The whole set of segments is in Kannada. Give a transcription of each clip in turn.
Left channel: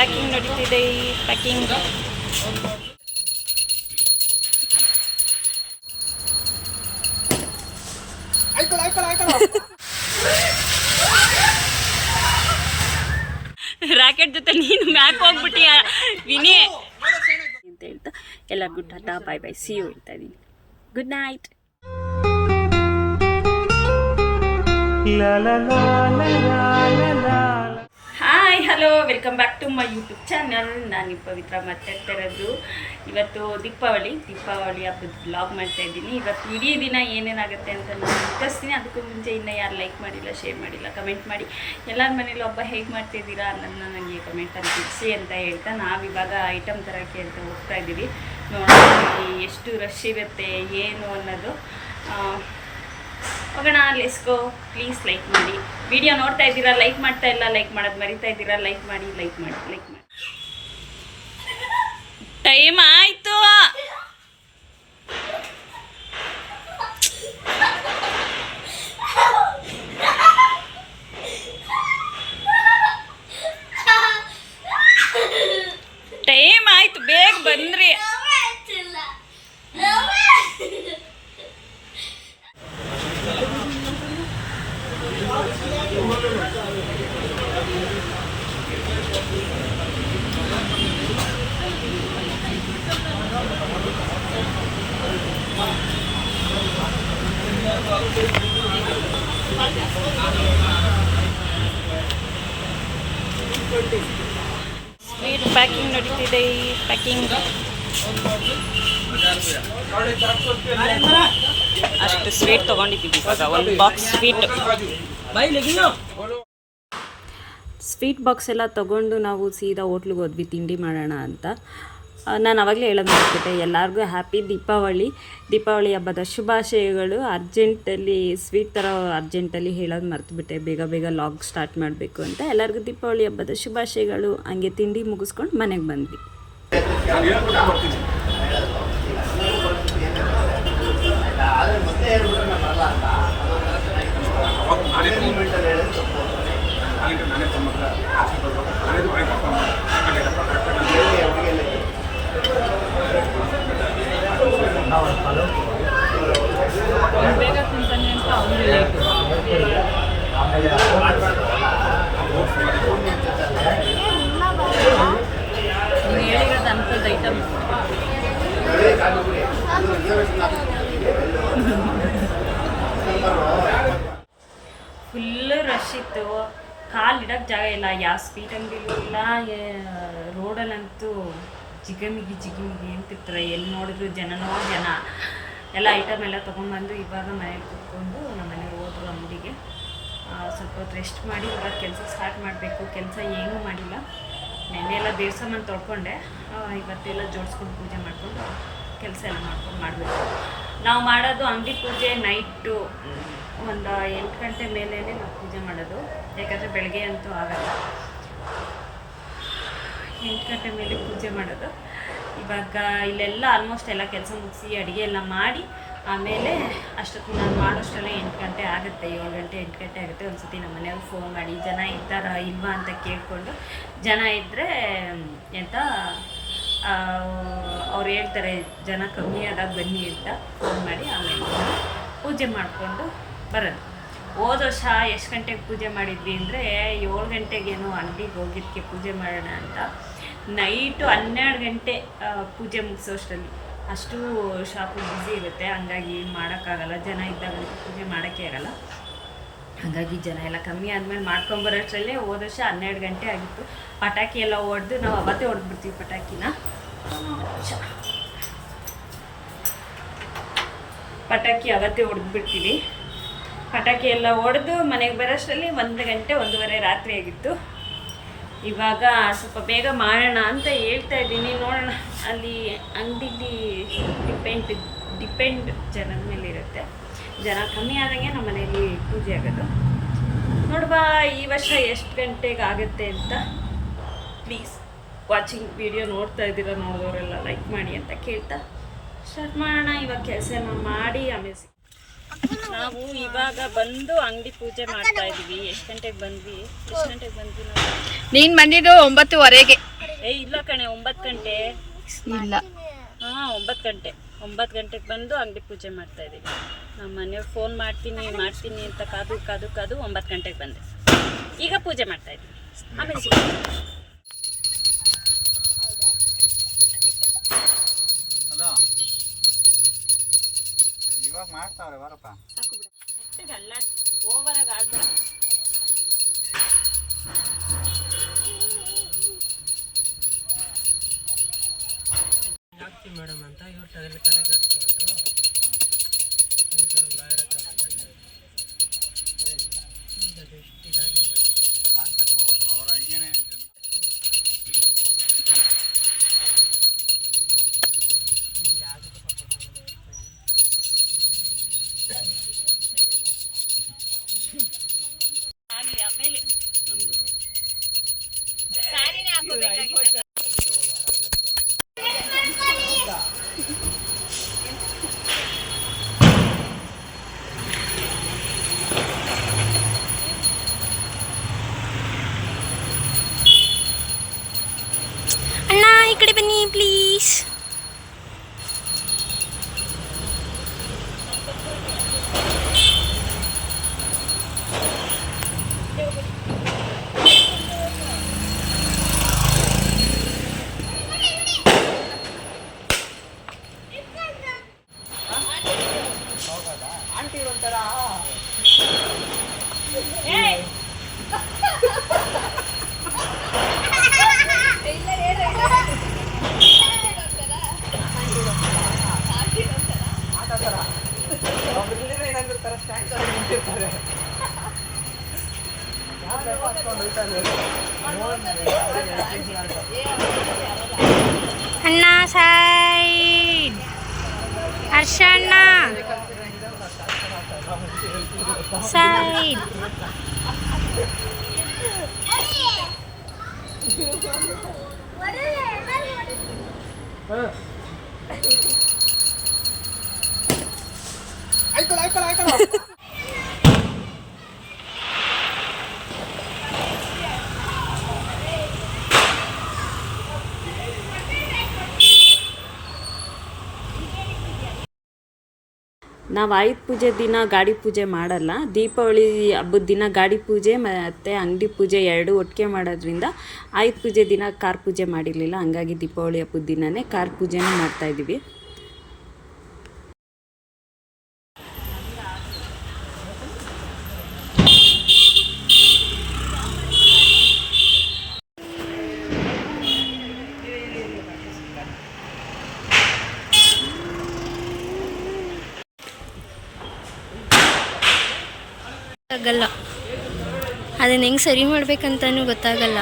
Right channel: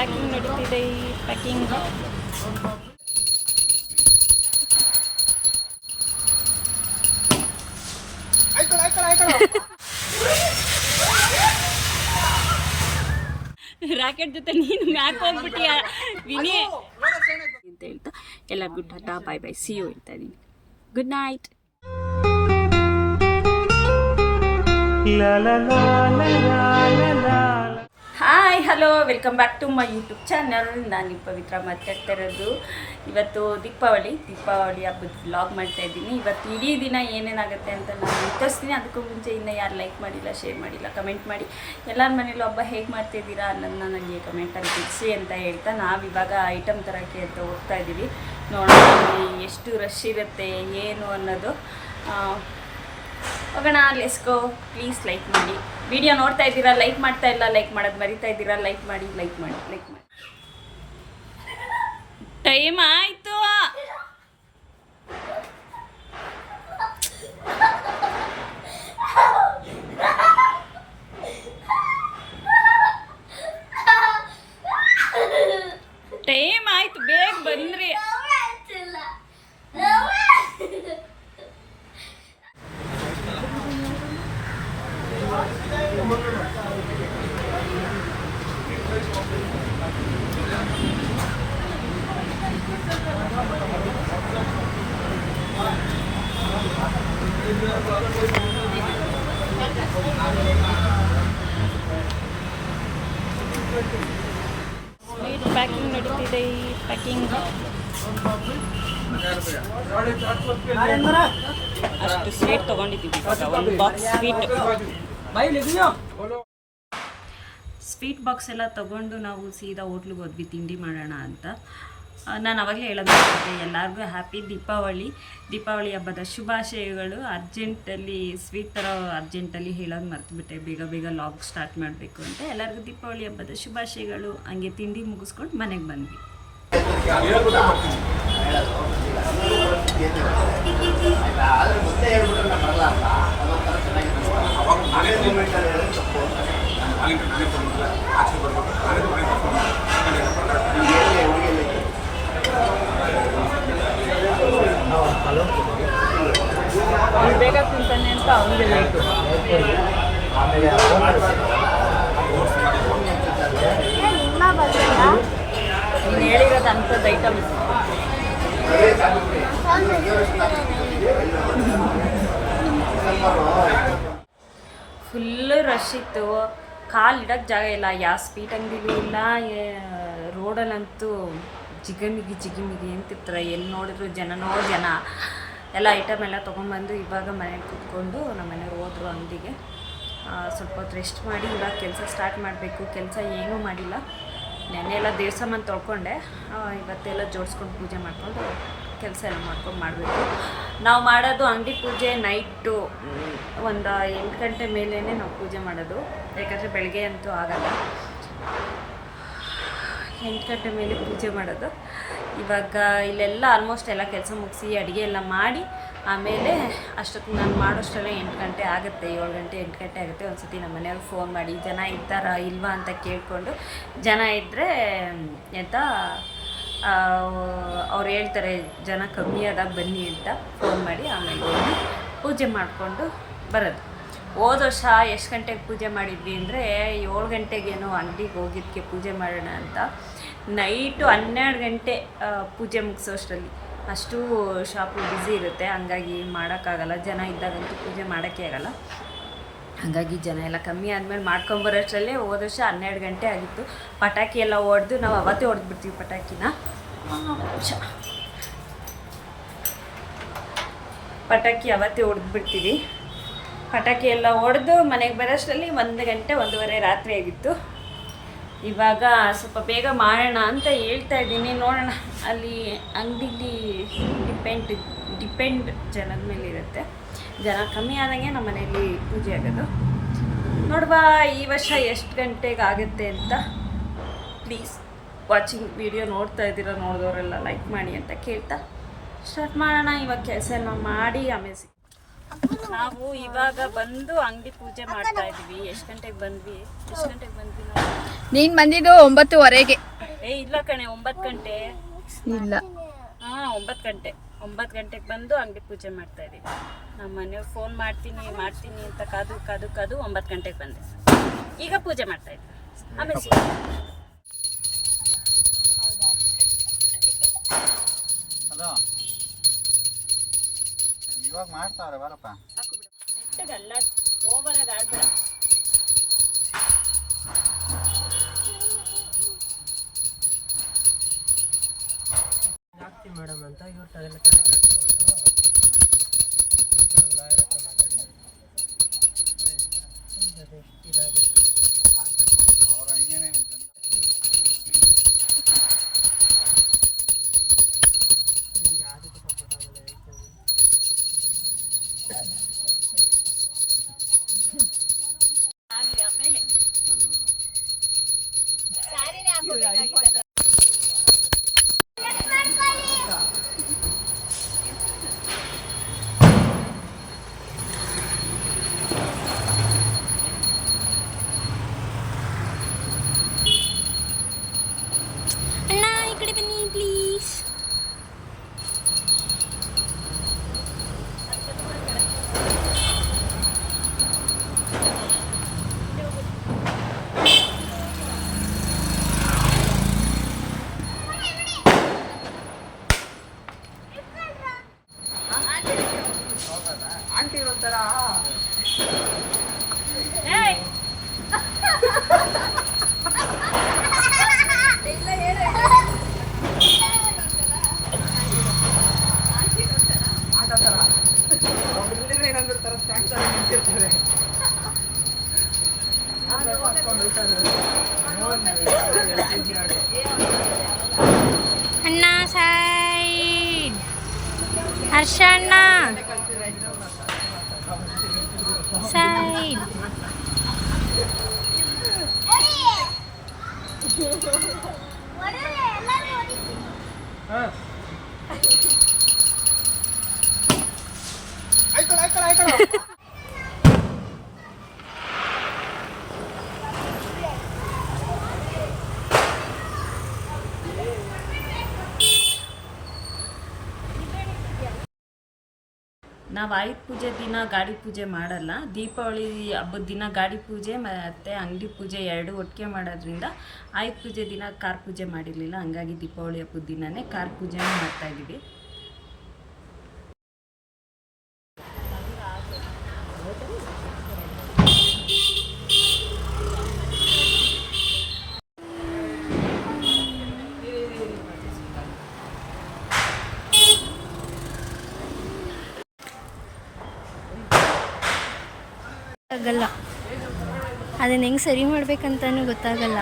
ಪ್ಯಾಕಿಂಗ್ ನಡೀತಿದೆ. ಈ ಪ್ಯಾಕಿಂಗ್ ರಾಕೆಟ್ ಜೊತೆ ನೀನು ಮ್ಯಾಕ್ ಹೋಗ್ಬಿಟ್ಟಿಯ ವಿನಿ ಅಂತ ಹೇಳ್ತಾ ಎಲ್ಲರಿಗೂ tata bye bye see you ಹೇಳ್ತಾ ಇದ್ದೀನಿ. Good night. Hi hello welcome back to my YouTube channel. ನಾನು ಪವಿತ್ರ ಮಾತಾಡ್ತಾ ಇರೋದು. ಇವತ್ತು ದೀಪಾವಳಿ ಹಬ್ಬದ ವ್ಲಾಗ್ ಮಾಡ್ತಾ ಇದ್ದೀನಿ. ಇವತ್ತು ಇಡೀ ದಿನ ಏನೇನಾಗುತ್ತೆ ಅಂತ ನಾನು ತೋರಿಸ್ತೀನಿ. ಅದಕ್ಕೂ ಮುಂಚೆ ಇನ್ನೂ ಯಾರು ಲೈಕ್ ಮಾಡಿಲ್ಲ, ಶೇರ್ ಮಾಡಿಲ್ಲ, ಕಮೆಂಟ್ ಮಾಡಿ ಎಲ್ಲರ ಮನೇಲೂ ಹಬ್ಬ ಹೇಗೆ ಮಾಡ್ತಾಯಿದ್ದೀರಾ ಅನ್ನೋದನ್ನ ನನಗೆ ಕಮೆಂಟಲ್ಲಿ ತಿಳಿಸಿ ಅಂತ ಹೇಳ್ತಾ ನಾವಿವಾಗ ಐಟಮ್ ತರೋಕ್ಕೆ ಅಂತ ಹೋಗ್ತಾ ಇದ್ದೀವಿ. ನೋಡೋಣ ಎಷ್ಟು ರಶ್ ಇರುತ್ತೆ ಏನು ಅನ್ನೋದು. ಹೋಗೋಣ, ಲೆಟ್ಸ್ ಗೋ. ಪ್ಲೀಸ್ ಲೈಕ್ ಮಾಡಿ. ವಿಡಿಯೋ ನೋಡ್ತಾ ಇದ್ದೀರಾ, ಲೈಕ್ ಮಾಡ್ತಾ ಇಲ್ಲ, ಲೈಕ್ ಮಾಡೋದು ಮರಿತಾ ಇದ್ದೀರಾ. ಲೈಕ್ ಮಾಡಿ. ಟೈಮ್ ಆಯಿತು. ಟೈಮ್ ಆಯಿತು, ಬೇಗ ಬಂದ್ರಿ. ಸ್ವೀಟ್ ಪ್ಯಾಕಿಂಗ್ ನಡೀತಿದೆ. ಈ ಪ್ಯಾಕಿಂಗ್ ಅಷ್ಟು ಸ್ವೀಟ್ ತೊಗೊಂಡಿದ್ದೀವಿ ಇವಾಗ. ಒಂದು ಬಾಕ್ಸ್ ಸ್ವೀಟ್ ಬಾಕ್ಸ್ ಎಲ್ಲ ತೊಗೊಂಡು ನಾವು ಸೀದಾ ಹೋಟ್ಲಿಗೆ ಹೋದ್ವಿ ತಿಂಡಿ ಮಾಡೋಣ ಅಂತ. ನಾನು ಆವಾಗಲೇ ಹೇಳೋದು ಮಾಡ್ಬಿಟ್ಟೆ, ಎಲ್ಲರಿಗೂ ಹ್ಯಾಪಿ ದೀಪಾವಳಿ ಹಬ್ಬದ ಶುಭಾಶಯಗಳು. ಅರ್ಜೆಂಟಲ್ಲಿ ಸ್ವೀಟ್ ಥರ ಅರ್ಜೆಂಟಲ್ಲಿ ಹೇಳೋದು ಮರ್ತುಬಿಟ್ಟೆ, ಬೇಗ ಲಾಗ್ ಸ್ಟಾರ್ಟ್ ಮಾಡಬೇಕು ಅಂತ. ಎಲ್ಲರಿಗೂ ದೀಪಾವಳಿ ಹಬ್ಬದ ಶುಭಾಶಯಗಳು. ಹಂಗೆ ತಿಂಡಿ ಮುಗಿಸ್ಕೊಂಡು ಮನೆಗೆ ಬಂದ್ವಿ. ಬೇಗ ತಿಂತಾನೆ ಅಂತ ಅವನಿಗೆ ಲೇಟು. ನೀನು ಹೇಳಿರೋದು ಅಂಥದ್ದು ಐಟಮ್. ಫುಲ್ಲು ರಶ್ ಇತ್ತು. ಕಾಲು ಇಡೋಕ್ಕೆ ಜಾಗ ಇಲ್ಲ. ಯಾವ ಸ್ವೀಟ್ ಅಂಗಡಿಲೂ ಇಲ್ಲ. ರೋಡಲ್ಲಂತೂ ಜಿಗಮಿಗಿ ಅಂತಿರ್ತಾರೆ. ಎಲ್ಲಿ ನೋಡಿದ್ರು ಜನ ಎಲ್ಲ ಐಟಮ್ ಎಲ್ಲ ತೊಗೊಂಬಂದು ಇವಾಗ ಮನೇಲಿ ಕೂತ್ಕೊಂಡು ನಮ್ಮ ಮನೆಯವ್ರು ಹೋದ್ರು ಅಂಗಡಿಗೆ. ಸ್ವಲ್ಪ ಹೊತ್ತು ರೆಸ್ಟ್ ಮಾಡಿ ಇವಾಗ ಕೆಲಸ ಸ್ಟಾರ್ಟ್ ಮಾಡಬೇಕು. ಕೆಲಸ ಏನೂ ಮಾಡಿಲ್ಲ. ನೆನ್ನೆ ಎಲ್ಲ ದೇವಸ್ಥಾನ ತೊಳ್ಕೊಂಡೆ. ಇವತ್ತೆಲ್ಲ ಜೋಡಿಸ್ಕೊಂಡು ಪೂಜೆ ಮಾಡಿಕೊಂಡು ಕೆಲಸ ಎಲ್ಲ ಮಾಡಬೇಕು. ನಾವು ಮಾಡೋದು ಅಂಗಡಿ ಪೂಜೆ ನೈಟು ಒಂದು 8 ಗಂಟೆ ಮೇಲೇ ನಾವು ಪೂಜೆ ಮಾಡೋದು. ಯಾಕಂದರೆ ಬೆಳಗ್ಗೆ ಅಂತೂ ಆಗಲ್ಲ. 8 ಗಂಟೆ ಮೇಲೆ ಪೂಜೆ ಮಾಡೋದು. ಇವಾಗ ಇಲ್ಲೆಲ್ಲ ಆಲ್ಮೋಸ್ಟ್ ಎಲ್ಲ ಕೆಲಸ ಮುಗಿಸಿ ಅಡುಗೆ ಎಲ್ಲ ಮಾಡಿ ಆಮೇಲೆ ಅಷ್ಟೊತ್ತಿಗೆ ನಾನು ಮಾಡೋಷ್ಟೆಲ್ಲ 8 ಗಂಟೆ ಆಗುತ್ತೆ. 7 ಗಂಟೆ 8 ಗಂಟೆ ಆಗುತ್ತೆ. ಒಂದು ಸತಿ ನಮ್ಮ ಮನೆಯವ್ರು ಫೋನ್ ಮಾಡಿ ಜನ ಇದ್ದಾರಾ ಇಲ್ವಾ ಅಂತ ಕೇಳಿಕೊಂಡು, ಜನ ಇದ್ದರೆ ಎಂತ ಅವ್ರು ಹೇಳ್ತಾರೆ ಜನ ಕಮ್ಮಿ ಆದಾಗ ಬನ್ನಿ ಅಂತ ಫೋನ್ ಮಾಡಿ ಆಮೇಲೆ ಹೋಗಿ ಪೂಜೆ ಮಾಡಿಕೊಂಡು ಬರೋದು. ಹೋದ ವರ್ಷ ಎಷ್ಟು ಗಂಟೆಗೆ ಪೂಜೆ ಮಾಡಿದ್ವಿ ಅಂದರೆ 7 ಗಂಟೆಗೇನೋ ಅಂಗಡಿಗೆ ಹೋಗಿದ್ದಕ್ಕೆ ಪೂಜೆ ಮಾಡೋಣ ಅಂತ. ನೈಟು 12 ಗಂಟೆ ಪೂಜೆ ಮುಗಿಸೋಷ್ಟರಲ್ಲಿ. ಅಷ್ಟು ಶಾಪು ಬ್ಯುಸಿ ಇರುತ್ತೆ, ಹಂಗಾಗಿ ಮಾಡೋಕ್ಕಾಗಲ್ಲ. ಜನ ಇದ್ದಾಗಂತೂ ಪೂಜೆ ಮಾಡೋಕ್ಕೆ ಆಗಲ್ಲ. ಹಾಗಾಗಿ ಜನ ಎಲ್ಲ ಕಮ್ಮಿ ಆದಮೇಲೆ ಮಾಡ್ಕೊಂಬರೋಷ್ಟರಲ್ಲೇ ಹೋದ ವರ್ಷ 12 ಗಂಟೆ ಆಗಿತ್ತು. ಪಟಾಕಿ ಎಲ್ಲ ಹೊಡೆದು ನಾವು ಅವತ್ತೇ ಹೊಡೆದ್ಬಿಡ್ತೀವಿ ಪಟಾಕಿನ. ಪಟಾಕಿ ಅವತ್ತೇ ಹೊಡೆದ್ಬಿಡ್ತೀವಿ. ಪಟಾಕಿ ಎಲ್ಲ ಹೊಡೆದು ಮನೆಗೆ ಬರೋಷ್ಟರಲ್ಲಿ 1 ಗಂಟೆ 1:30 ರಾತ್ರಿ ಆಗಿತ್ತು. ಇವಾಗ ಸ್ವಲ್ಪ ಬೇಗ ಮಾಡೋಣ ಅಂತ ಹೇಳ್ತಾ ಇದ್ದೀನಿ. ನೋಡೋಣ, ಅಲ್ಲಿ ಅಂಗಡಿಲಿ ಡಿಪೆಂಡ್ ಜನದ ಮೇಲೆ ಇರುತ್ತೆ. ಜನ ಕಮ್ಮಿ ಆದಂಗೆ ನಮ್ಮ ಮನೆಯಲ್ಲಿ ಪೂಜೆ ಆಗೋದು. ನೋಡ್ಬಾ ಈ ವರ್ಷ ಎಷ್ಟು ಗಂಟೆಗೆ ಆಗುತ್ತೆ ಅಂತ. ಪ್ಲೀಸ್ ವಾಚಿಂಗ್ ವಿಡಿಯೋ ನೋಡ್ತಾ ಇದ್ದೀರಾ, ನೋಡಿದವರೆಲ್ಲ ಲೈಕ್ ಮಾಡಿ ಅಂತ ಕೇಳ್ತಾ ಸ್ಟಾರ್ಟ್ ಮಾಡೋಣ. ಇವಾಗ ಕೆಲಸ ಮಾಡಿ ಆಮೇಲೆ ನಾವು ಇವಾಗ ಬಂದು ಅಂಗಡಿ ಪೂಜೆ ಮಾಡ್ತಾ ಇದೀವಿ. ಎಷ್ಟು ಗಂಟೆಗೆ ಬಂದ್ವಿ ನಾವು? ನೀನ್ ಬಂದಿದ್ದು 9:15. ಇಲ್ಲ ಕಣೆ, 9 ಗಂಟೆ ಇಲ್ಲ. 9 ಗಂಟೆಗೆ ಬಂದು ಅಂಗಡಿ ಪೂಜೆ ಮಾಡ್ತಾ ಇದೀವಿ. ನಮ್ಮ ಮನೆಯವ್ರು ಫೋನ್ ಮಾಡ್ತೀನಿ ಅಂತ ಕಾದು 9 ಗಂಟೆಗೆ ಬಂದೆ. ಈಗ ಪೂಜೆ ಮಾಡ್ತಾ ಇದ್ವಿ. ಆಮೇಲೆ ಇವಾಗ ಮಾಡ್ತಾವ್ರೆ ಬರಪ್ಪ. ಸಾಕು ಬಿಡ, ಅಲ್ಲ ಓವರಾಗಿ ಆಡ್ಬೇಡ. ಮೇಡಮ್ ಅಂತ ಇವ್ರು ತಲೆ ಕಟ್ಕೊಂಡು ಅವ್ರ ಹಂಗೇನೆ ಆಗಲಿ. ಆಮೇಲೆ ಸ್ಯಾರಿನೇ ಹಾಕೋಬೇಕಾಗಿತ್ತು. ಅಣ್ಣ ಈ ಕಡೆ ಬನ್ನಿ ಪ್ಲೀಸ್. ಆಂಟಿ ಒಂಥರ ಅಣ್ಣ ಸೈಡ್. ಹರ್ಷ ಅಣ್ಣ ಸೈಡ್. ನಾವು ಆಯುಧ ಪೂಜೆ ದಿನ ಗಾಡಿ ಪೂಜೆ ಮಾಡಲ್ಲ. ದೀಪಾವಳಿ ಹಬ್ಬದ ದಿನ ಗಾಡಿ ಪೂಜೆ ಮತ್ತು ಅಂಗಡಿ ಪೂಜೆ ಎರಡೂ ಒಟ್ಟಿಗೆ ಮಾಡೋದ್ರಿಂದ ಆಯುಧ ಪೂಜೆ ದಿನ ಕಾರ್ ಪೂಜೆ ಮಾಡಿರಲಿಲ್ಲ. ಹಂಗಾಗಿ ದೀಪಾವಳಿ ಹಬ್ಬದ ದಿನವೇ ಕಾರ್ ಪೂಜೆನೂ ಮಾಡ್ತಾಯಿದ್ದೀವಿ. ಆಗಲ್ಲ, ಅದನ್ನ ಹೆಂಗೆ ಸರಿ ಮಾಡ್ಬೇಕಂತನೂ ಗೊತ್ತಾಗಲ್ಲ.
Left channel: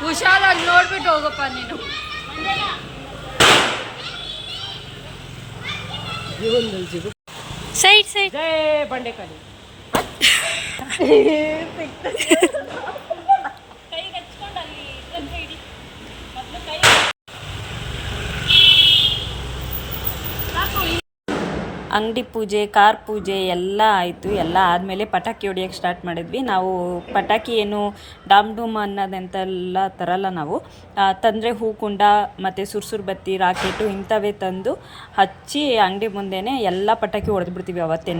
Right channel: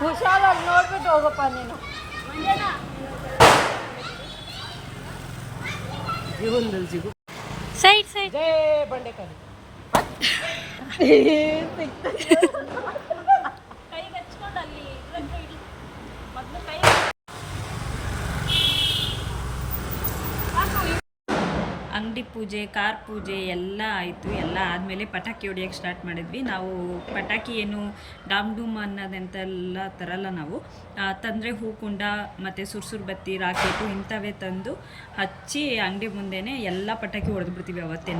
ಹುಷಾರಾಗಿ ನೋಡ್ಬಿಟ್ಟು ಹೋಗಪ್ಪ ನೀನು. Side side. ಬಂಡೆಕಾಯಿ ಅಂಗಡಿ ಪೂಜೆ ಕಾರ್ ಪೂಜೆ ಎಲ್ಲ ಆಯಿತು. ಎಲ್ಲ ಆದಮೇಲೆ ಪಟಾಕಿ ಹೊಡಿಯೋಕ್ಕೆ ಸ್ಟಾರ್ಟ್ ಮಾಡಿದ್ವಿ. ನಾವು ಪಟಾಕಿ ಏನು ಡಾಮ್ ಡೂಮ್ ಅನ್ನೋದಂತೆಲ್ಲ ತರಲ್ಲ. ನಾವು ತಂದರೆ ಹೂಕುಂಡ ಮತ್ತು ಸುರ್ಸುರು ಬತ್ತಿ ರಾಕೆಟು ಇಂಥವೇ ತಂದು ಹಚ್ಚಿ ಅಂಗಡಿ ಮುಂದೆನೇ ಎಲ್ಲ ಪಟಾಕಿ ಹೊಡೆದ್ಬಿಡ್ತೀವಿ ಅವತ್ತೇ.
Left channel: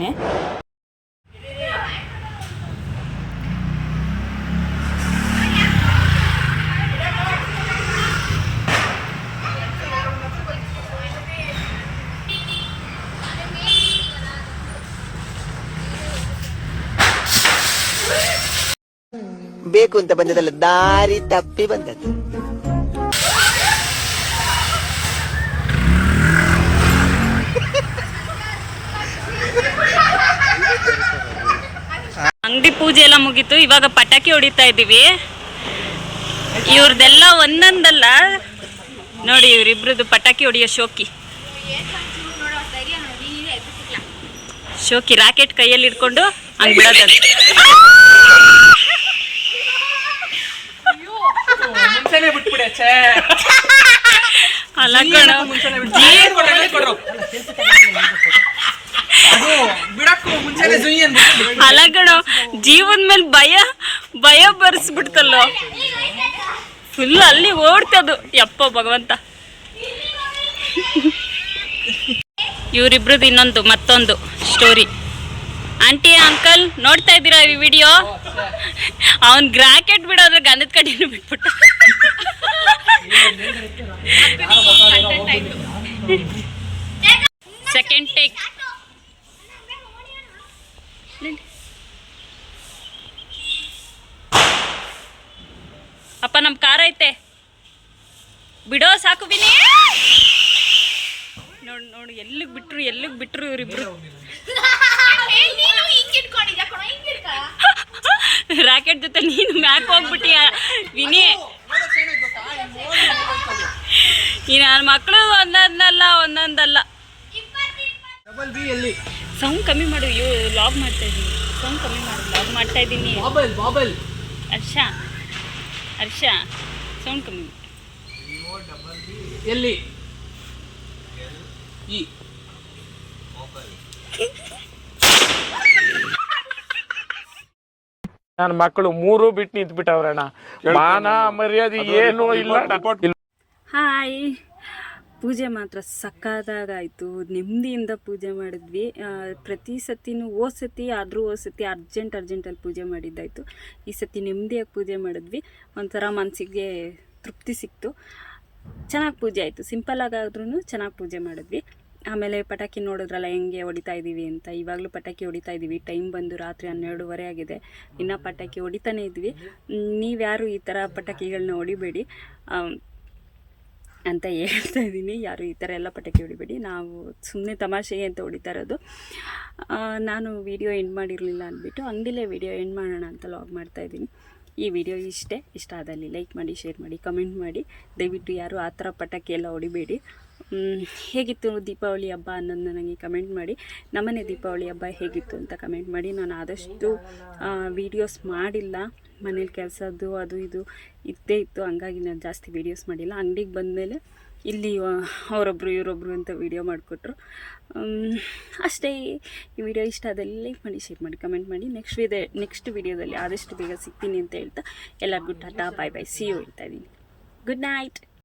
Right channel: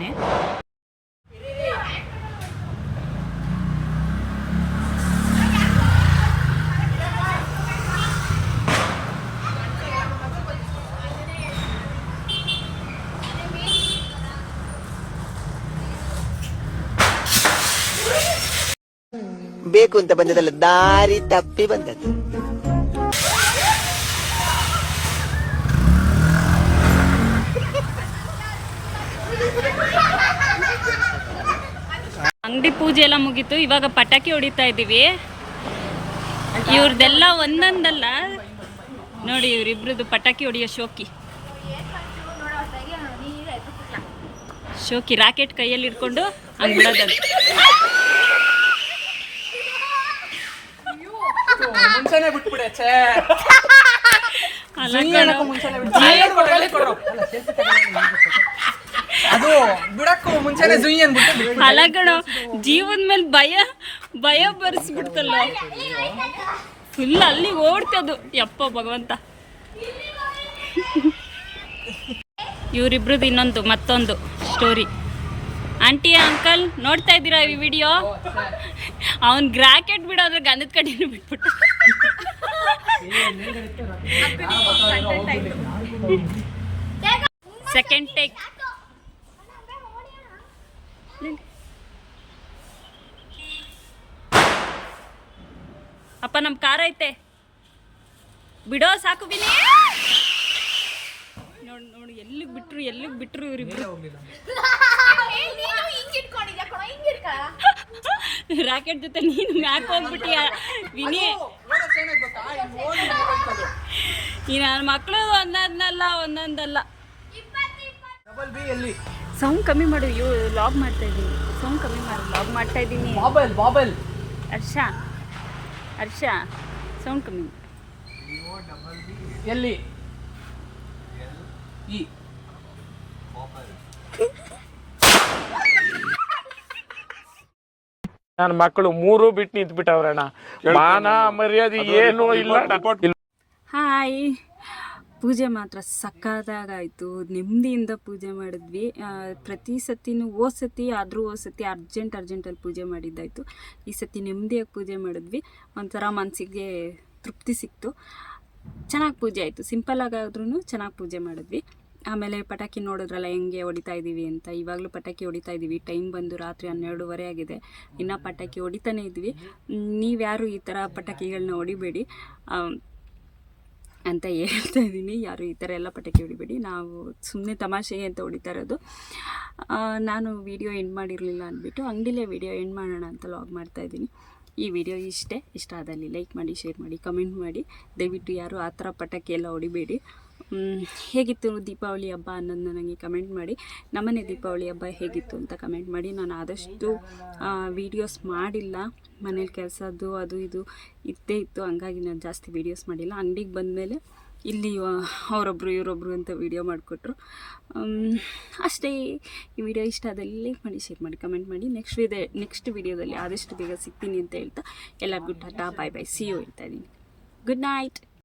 ಬೇಕು ಅಂತ ಬಂದದಲ್ಲ, ದಾರಿ ತಪ್ಪಿ ಬಂದದ್ದು. ಅಂಗಡಿ ಪೂಜೆ ಎಲ್ಲ ಮುಗೀತು. ಇವಾಗ ಪಟಾಕಿ ಹೊಡಿತಾ ಇದ್ದೀವಿ. ಇವ್ರದ್ದೆಲ್ಲ ಒಂದೊಂದಲ್ಲ ನೋಡಿ, ಇವರಿಬ್ರದ್ದು ಪಟಾಕಿ ಹೊಡಿಯೋ ಶೋಕಿ ರಾಕೆಟ್ ಕೈಯಲ್ಲಿ ಇಟ್ಕೊಂಡು ಹಂಗೆ ಬಿಡೋದಂತ. ಮುಂಚೆನೆ ಬಿಟ್ಬಿಡೆ. ಅಲ್ಲ ಕಣೋ, ಅದು ಬಿಡಕ್ಕೂ ಮುಂಚೆನೆ ಸುಯ್ ಅಂದ್ಬಿಟ್ಟು ಅಲಗಣ ಜೀವನ ಮೇಲೆ ಭಯ ಬರ್ಸ್ಬಿಡ್ತಲ್ಲೋ ಫುಲ್ ಅಲ್ಲಿ ಓಡ್ತದು ಯಪ್ಪ ಭಗವಂತ. ಇವರಿಬ್ರದ್ದು ಇನ್ನೊಂದು ಮತ್ತೊಂದು ಸ್ಟೋರಿ. ಆಂಟಿ ಅಂಕಲ್ ನೋಡ್ತಾ ಇದ್ದೀರಾ ಈ ವಿಡಿಯೋ? ಅವನ್ ಗ್ರಾಕೆಟ್ ಬಿಡೋದ್ರೆ ಗಂಧದ ಕಡೆನೂ ಬಿಟ್ಬಿಟ್ಟ. Second take. ಅಪ್ಪ ನಮ್ಮ ಕಾರ್ ಐತೆ ಬಿಡೋ ಸಾಕು ಬಿನಿ. ನೋಡು ಎಲ್ಲಿಗೆ ಬಿಟ್ರು ಇವರಿಬ್ರು. ರಾಕೆಟ್ ಜೊತೆ ನೀನು ಮ್ಯಾಕ್ ಹೋಗ್ಬಿಟ್ಟಿಯ ವಿನಿ. ಈ ನನ್ನ ಮಕ್ಕಳು ಒಂದೊಂದಲ್ಲ. ಸೌಂಡ್ ಕಮ್ಮಿ ಮಾಡು, ಲಾಗ್ ಮಾಡ್ತಾ ಇದ್ದೀನಿ. ಸೌಂಡ್ ಕಮ್ಮಿ ಮಾಡು, ಲಾಗ್ ಮಾಡ್ತಾ ಇದ್ದೀನಿ. ಬಾಬಲ್ ಹರ್ಷ ಸೌಂಡ್ ಕಮ್ಮಿ ಮಾಡು. ಎಲ್ಲಿ ಈ ನನ್ನ ಮಕ್ಕಳು ಮೂರು ಬಿಟ್ಟು ನಿಂತ್ಬಿಟ್ಟವ್ರಣ್ಣ. ಮಾನ ಮರ್ಯಾದೆ ಏನೂ ಇಲ್ಲ. ಹಾಯ್, ಪೂಜೆ ಮಾತ್ರ ಸಕ್ಕತ್ತಾಗಾಯಿತು. ನೆಮ್ಮದಿಯಿಂದ ಪೂಜೆ ಮಾಡಿದ್ವಿ. ಪ್ರತಿ ಸತಿನೂ ಹೋದ ಸತಿ ಅರ್ಜೆಂಟಲ್ಲಿ ಪೂಜೆ ಮಾಡಿದ್ದಾಯಿತು. ಈ ಸತಿ ನೆಮ್ಮದಿಯಾಗಿ ಪೂಜೆ ಮಾಡಿದ್ವಿ. ಒಂಥರ ಮನಸ್ಸಿಗೆ ತೃಪ್ತಿ ಸಿಕ್ತು. ಚೆನ್ನಾಗಿ ಪೂಜೆ ಆಯಿತು. ಸಿಂಪಲ್ಲಾಗಾದ್ರೂ ಚೆನ್ನಾಗಿ ಪೂಜೆ ಮಾಡಿದ್ವಿ. ಆಮೇಲೆ ಪಟಾಕಿ ನೋಡಿದ್ರಲ್ಲ ಹೆಂಗೆ ಹೊಡಿತಾ ಇದ್ದೀವಿ ಅಂತ. ಇವಾಗಲೂ ಪಟಾಕಿ ಹೊಡಿತಾ ಇದ್ದೀವಿ. ಟೈಮ್ ಬಂದು ರಾತ್ರಿ 12:30 ಆಗಿದೆ. ಇನ್ನೂ ಪಟಾಕಿ ಹೊಡಿತಾನೇ ಇದ್ವಿ. ನೀವ್ಯಾರು ಈ ಥರ ಪಟಾಕಿಗಳನ್ನ ಹೊಡಿಬೇಡಿ ಅಂತ ಹೇಳ್ತಾ ಇದ್ದೀನಿ. ಯಾರು ಈ ಥರ ಎಲ್ಲ ಪಟಾಕಿ ಹೊಡಿಬೇಡಿ. ನಾವು ಸುಮ್ಮನೆ ತಮಾಷೆಗೆ ಅಂತ ಹೊಡಿತಾ ಇರೋದು. ನಾನು ವಿಡಿಯೋ ಎಂಡ್ ಮಾಡಿರಲಿಲ್ಲ ಅಂದ್ಬಿಟ್ಟು ಅಂಗಡಿಲೇ ವಿಡಿಯೋ ಎಂಡ್ ಮಾಡೋಣ ಅಂತ ಲಾಗ್ ಮಾಡ್ತಾಯಿದ್ದೀನಿ. ಈ ವಿಡಿಯೋ ಇಷ್ಟ ಆದಲ್ಲಿ ಲೈಕ್ ಮಾಡಿ, ಶೇರ್ ಮಾಡಿ, ಕಮೆಂಟ್ ಮಾಡಿ. ದಯವಿಟ್ಟು ಯಾರು ಆ ಥರ ಪಟಾಕಿ ಎಲ್ಲ ಹೊಡಿಬೇಡಿ. ಹೇಗಿತ್ತು ದೀಪಾವಳಿ ಹಬ್ಬ ಅನ್ನೋದನ್ನ ನನಗೆ ಕಮೆಂಟ್ ಮಾಡಿ. ನಮ್ಮನೆ ದೀಪಾವಳಿ ಹಬ್ಬ ಹೇಗಿತ್ತು ಅಂತ ಕಮೆಂಟ್ ಮಾಡಿ. ನಾನು ಆದಷ್ಟು ವೀಡಿಯೋಸ್ ಮಾಡಿಲ್ಲ. ಮನೇಲಿ ಕೆಲಸದ್ದು ಅದು ಇದು ಇದ್ದೇ ಇತ್ತು, ಹಂಗಾಗಿ ನಾನು ಜಾಸ್ತಿ ವೀಡಿಯೋಸ್ ಮಾಡಿಲ್ಲ. ಅಂಗಡಿಗೆ ಬಂದಮೇಲೆ ಇಲ್ಲಿ ಅವರೊಬ್ಬರು ಇವರೊಬ್ಬರು ಅಂತ ವೀಡಿಯೋ ಮಾಡಿಕೊಟ್ರು ಅಷ್ಟೇ. ಈ ವಿಡಿಯೋ ಇಷ್ಟ ಆದಲ್ಲಿ ಲೈಕ್ ಮಾಡಿ, ಶೇರ್ ಮಾಡಿ, ಕಮೆಂಟ್ ಮಾಡಿ. ನೆಕ್ಸ್ಟ್ ವಿಡಿಯೋದಲ್ಲಿ ಆದಷ್ಟು ಬೇಗ ಸಿಗ್ತೀನಿ ಅಂತ ಹೇಳ್ತಾ ಎಲ್ಲರಿಗೂ tata bye bye see you ಹೇಳ್ತಾ ಇದ್ದೀನಿ. Good night.